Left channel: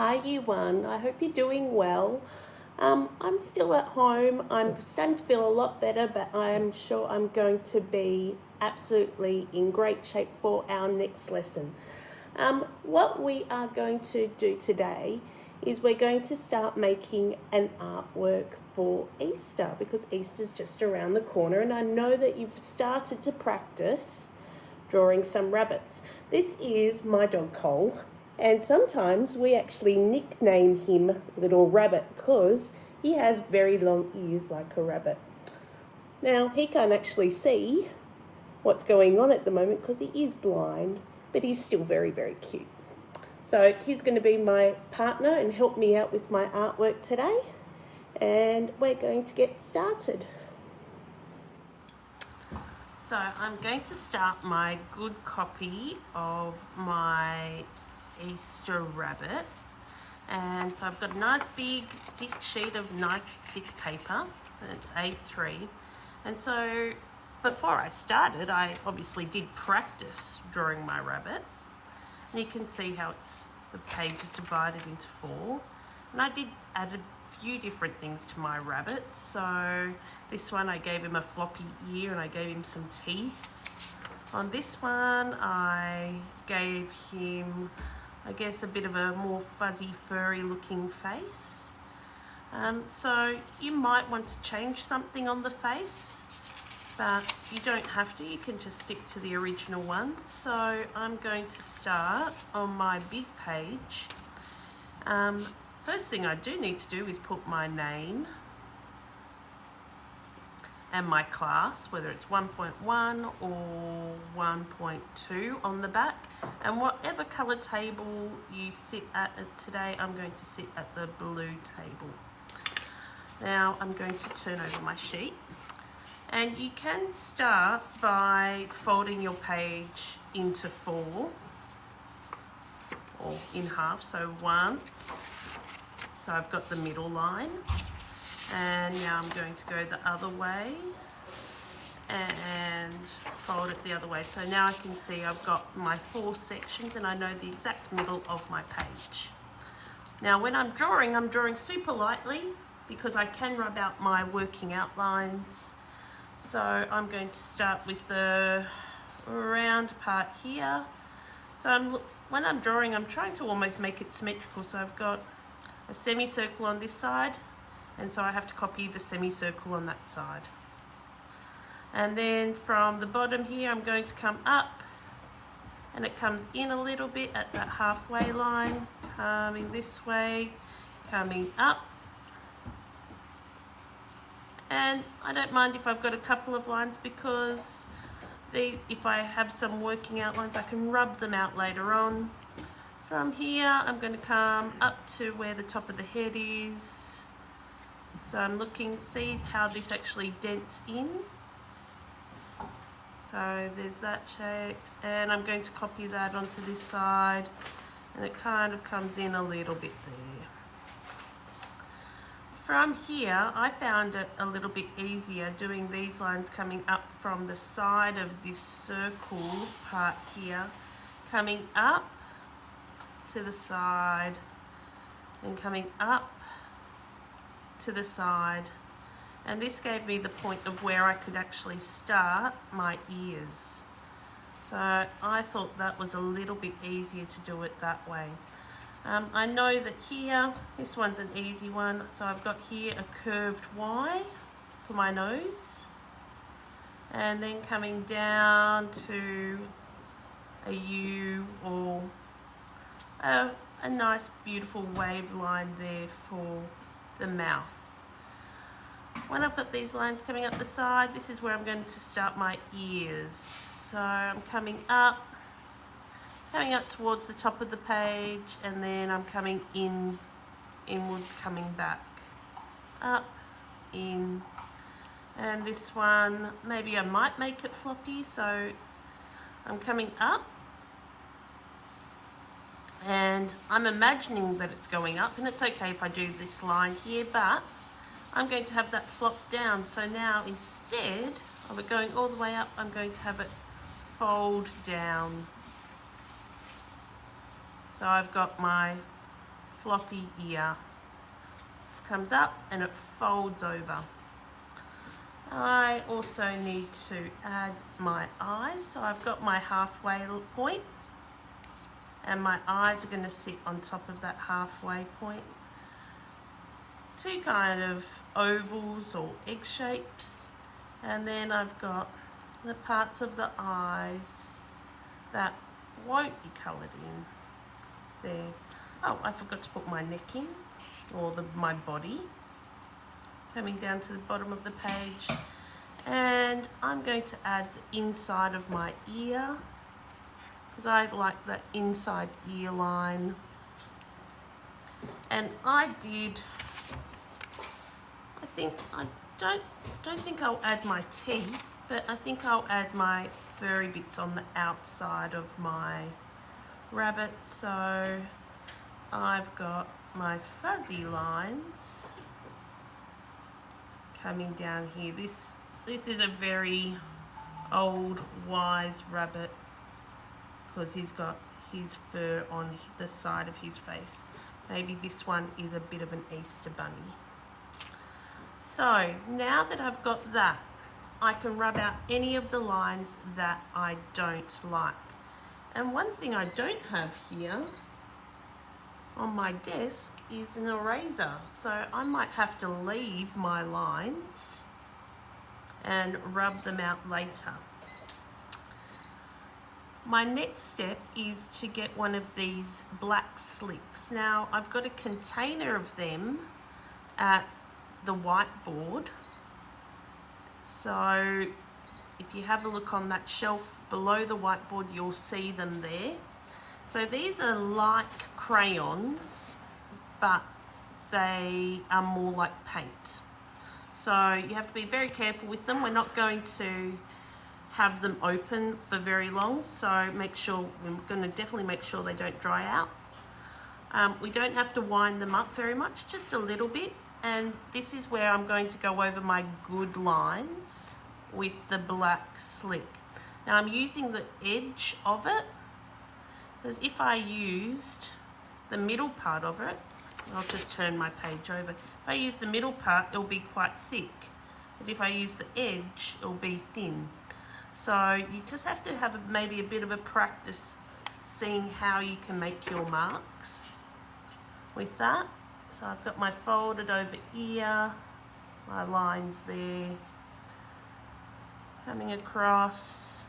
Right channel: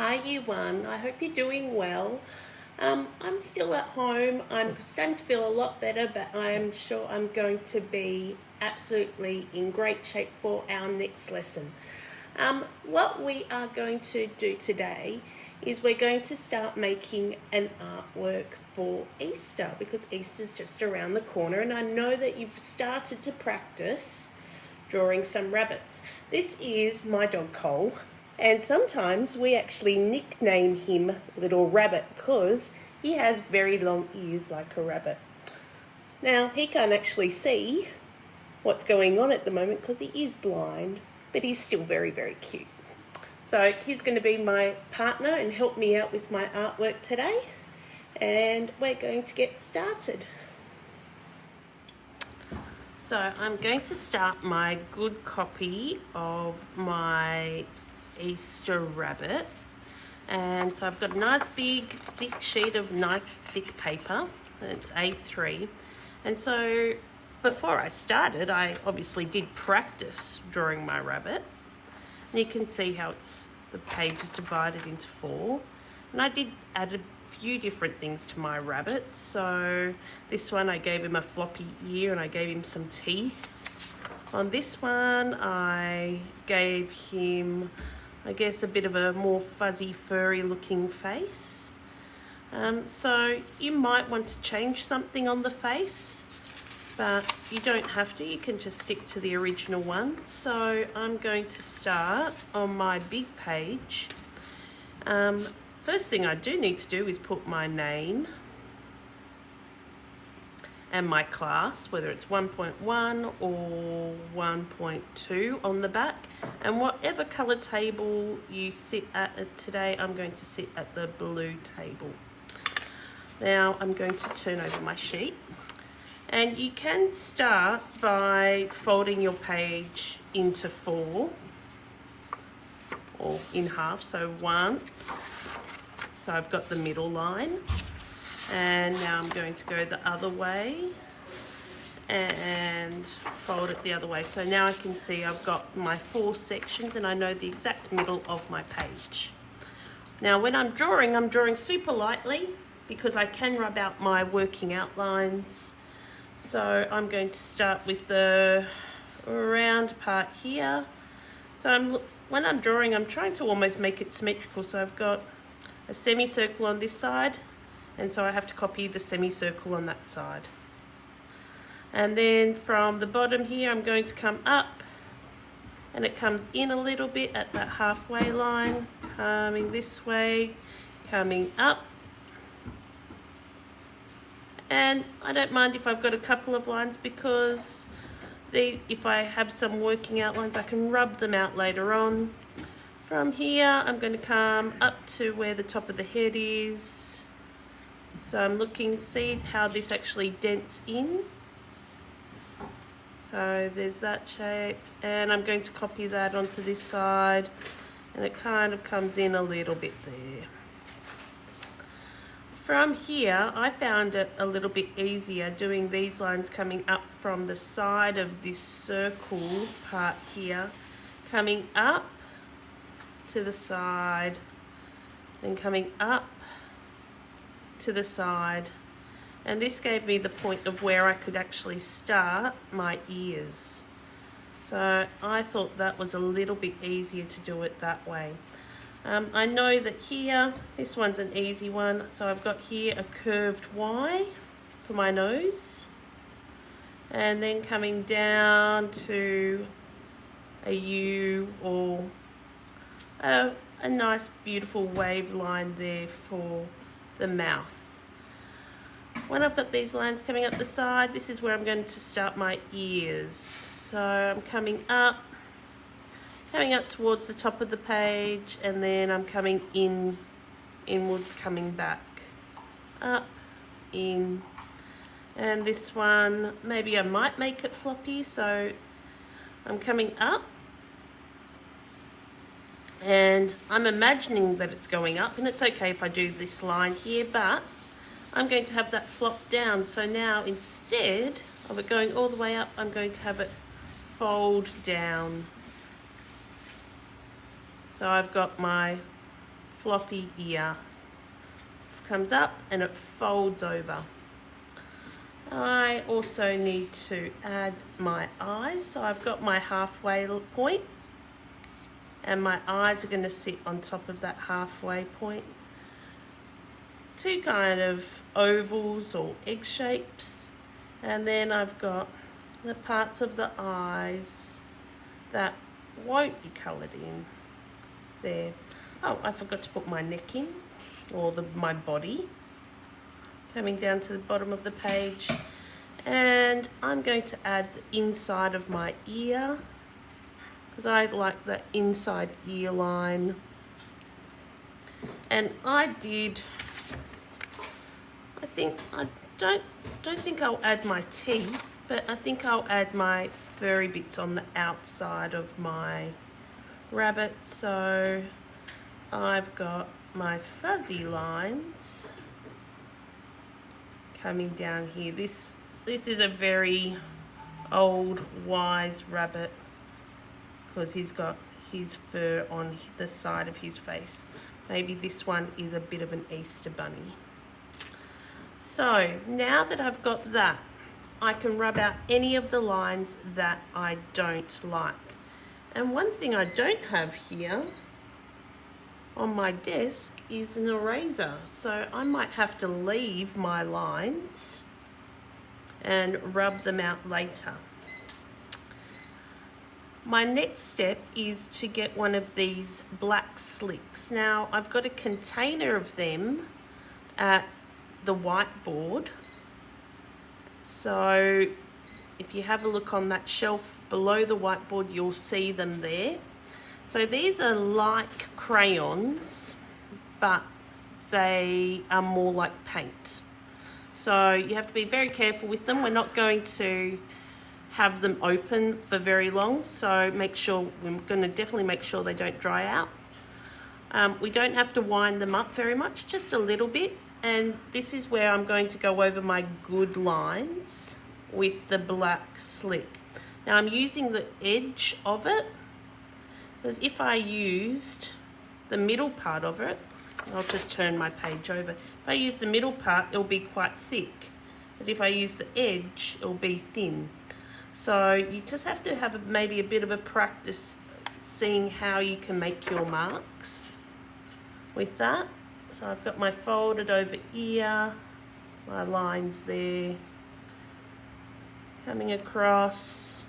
Hi, you one. I hope you're doing well. I'm still at home. I'm starting to feel a lot better, but I'm sure I'm going to be absolutely in great shape for our next lesson. What we are going to do today is we're going to start making an artwork for Easter because Easter's just around the corner, and I know that you've started to practice drawing some rabbits. This is my dog Cole, and sometimes we actually nickname him Little Rabbit because he has very long ears like a rabbit. Now, he can't actually see what's going on at the moment because he is blind, but he's still very, very cute. So he's going to be my partner and help me out with my artwork today, and we're going to get started. So I'm going to start my good copy of my Easter rabbit. And so I've got a nice big thick sheet of nice thick paper. It's A3. And so before I started, I obviously did practice drawing my rabbit. And you can see how the page is divided into 4. And I did add a few different things to my rabbit. So this one I gave him a floppy ear and I gave him some teeth. On this one I gave him, I guess, a bit of a more fuzzy furry looking face. So you might want to change something on the face, but you don't have to, you can just stick to the original one. So I'm going to start on my big page. First thing I do need to do is put my name and my class, whether it's 1.1 or 1.2 on the back. And whatever colour table you sit at today, I'm going to sit at the blue table. Now I'm going to turn over my sheet. And you can start by folding your page into 4 or in half, so once. So I've got the middle line, and now I'm going to go the other way and fold it the other way. So now I can see I've got my 4 sections and I know the exact middle of my page. Now when I'm drawing super lightly because I can rub out my working outlines. So I'm going to start with the round part here. So when I'm drawing, I'm trying to almost make it symmetrical. So I've got a semicircle on this side, and so I have to copy the semicircle on that side. And then from the bottom here, I'm going to come up, and it comes in a little bit at that halfway line, coming this way, coming up. And I don't mind if I've got a couple of lines because if I have some working outlines, I can rub them out later on. From here, I'm going to come up to where the top of the head is. So I'm looking, see how this actually dents in. So there's that shape, and I'm going to copy that onto this side, and it kind of comes in a little bit there. From here, I found it a little bit easier doing these lines coming up from the side of this circle part here, coming up to the side, and coming up to the side. And this gave me the point of where I could actually start my ears. So I thought that was a little bit easier to do it that way. I know that here, this one's an easy one. So I've got here a curved Y for my nose. And then coming down to a U or a nice beautiful wave line there for the mouth. When I've got these lines coming up the side, this is where I'm going to start my ears. So I'm coming up towards the top of the page, and then I'm coming inwards, coming back, up, in. And this one, maybe I might make it floppy, so I'm coming up, and I'm imagining that it's going up, and it's okay if I do this line here, but I'm going to have that flop down. So now instead of it going all the way up, I'm going to have it fold down. So I've got my floppy ear. Comes up and it folds over. I also need to add my eyes. So I've got my halfway point and my eyes are going to sit on top of that halfway point. Two kind of ovals or egg shapes. And then I've got the parts of the eyes that won't be coloured in there. Oh, I forgot to put my neck in, or my body. Coming down to the bottom of the page. And I'm going to add the inside of my ear, because I like that inside ear line. And I don't think I'll add my teeth, but I think I'll add my furry bits on the outside of my rabbit. So I've got my fuzzy lines coming down here. This is a very old, wise rabbit because he's got his fur on the side of his face. Maybe this one is a bit of an Easter bunny. So now that I've got that, I can rub out any of the lines that I don't like. And one thing I don't have here on my desk is an eraser. So I might have to leave my lines and rub them out later. My next step is to get one of these black slicks. Now I've got a container of them at the whiteboard. So if you have a look on that shelf below the whiteboard, you'll see them there. So these are like crayons, but they are more like paint. So you have to be very careful with them. We're not going to have them open for very long, so we're going to definitely make sure they don't dry out. We don't have to wind them up very much, just a little bit. And this is where I'm going to go over my good lines with the black slick. Now I'm using the edge of it, because if I used the middle part of it, I'll just turn my page over. If I use the middle part, it'll be quite thick. But if I use the edge, it'll be thin. So you just have to have maybe a bit of a practice seeing how you can make your marks with that. So I've got my folded over ear, my lines there, coming across,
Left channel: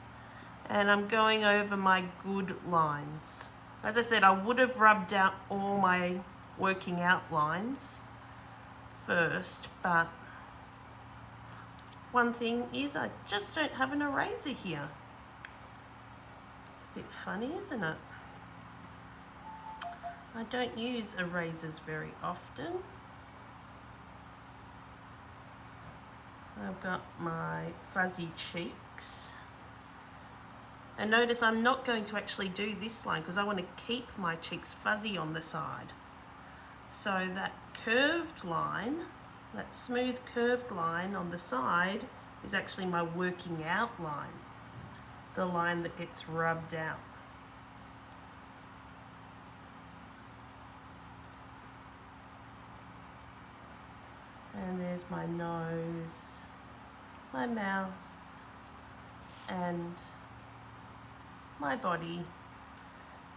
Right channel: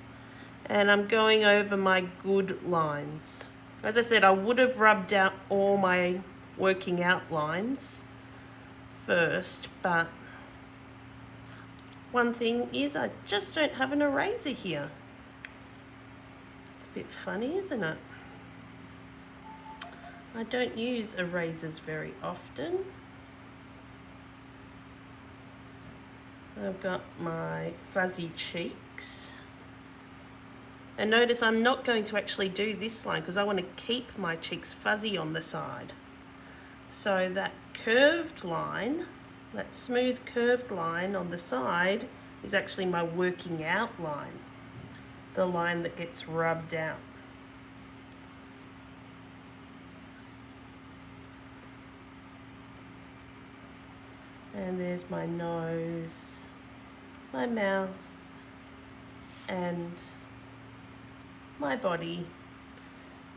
and I'm going over my good lines. As I said, I would have rubbed out all my working out lines first, but one thing is I just don't have an eraser here. It's a bit funny, isn't it? I don't use erasers very often. I've got my fuzzy cheeks. And notice I'm not going to actually do this line because I want to keep my cheeks fuzzy on the side. So that curved line, that smooth curved line on the side is actually my working out line, the line that gets rubbed out. And there's my nose, my mouth, and my body.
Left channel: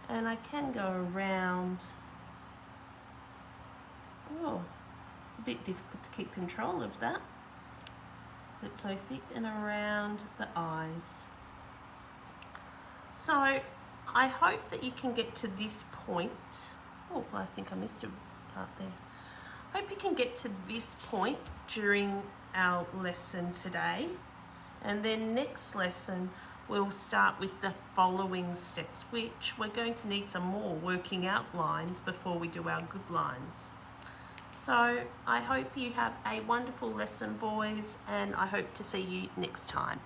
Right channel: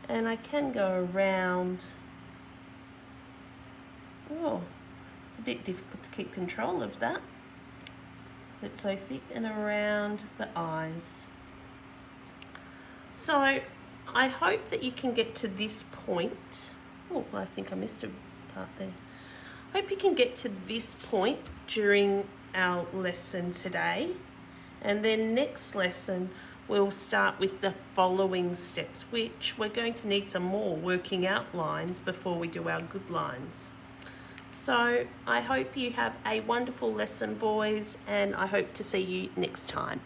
And I can go around. Oh, it's a bit difficult to keep control of that. It's so thick, and around the eyes. So I hope that you can get to this point. Oh, I think I missed a part there. Hope you can get to this point during our lesson today, and then next lesson we'll start with the following steps, which we're going to need some more working out lines before we do our good lines. So I hope you have a wonderful lesson, boys, and I hope to see you next time.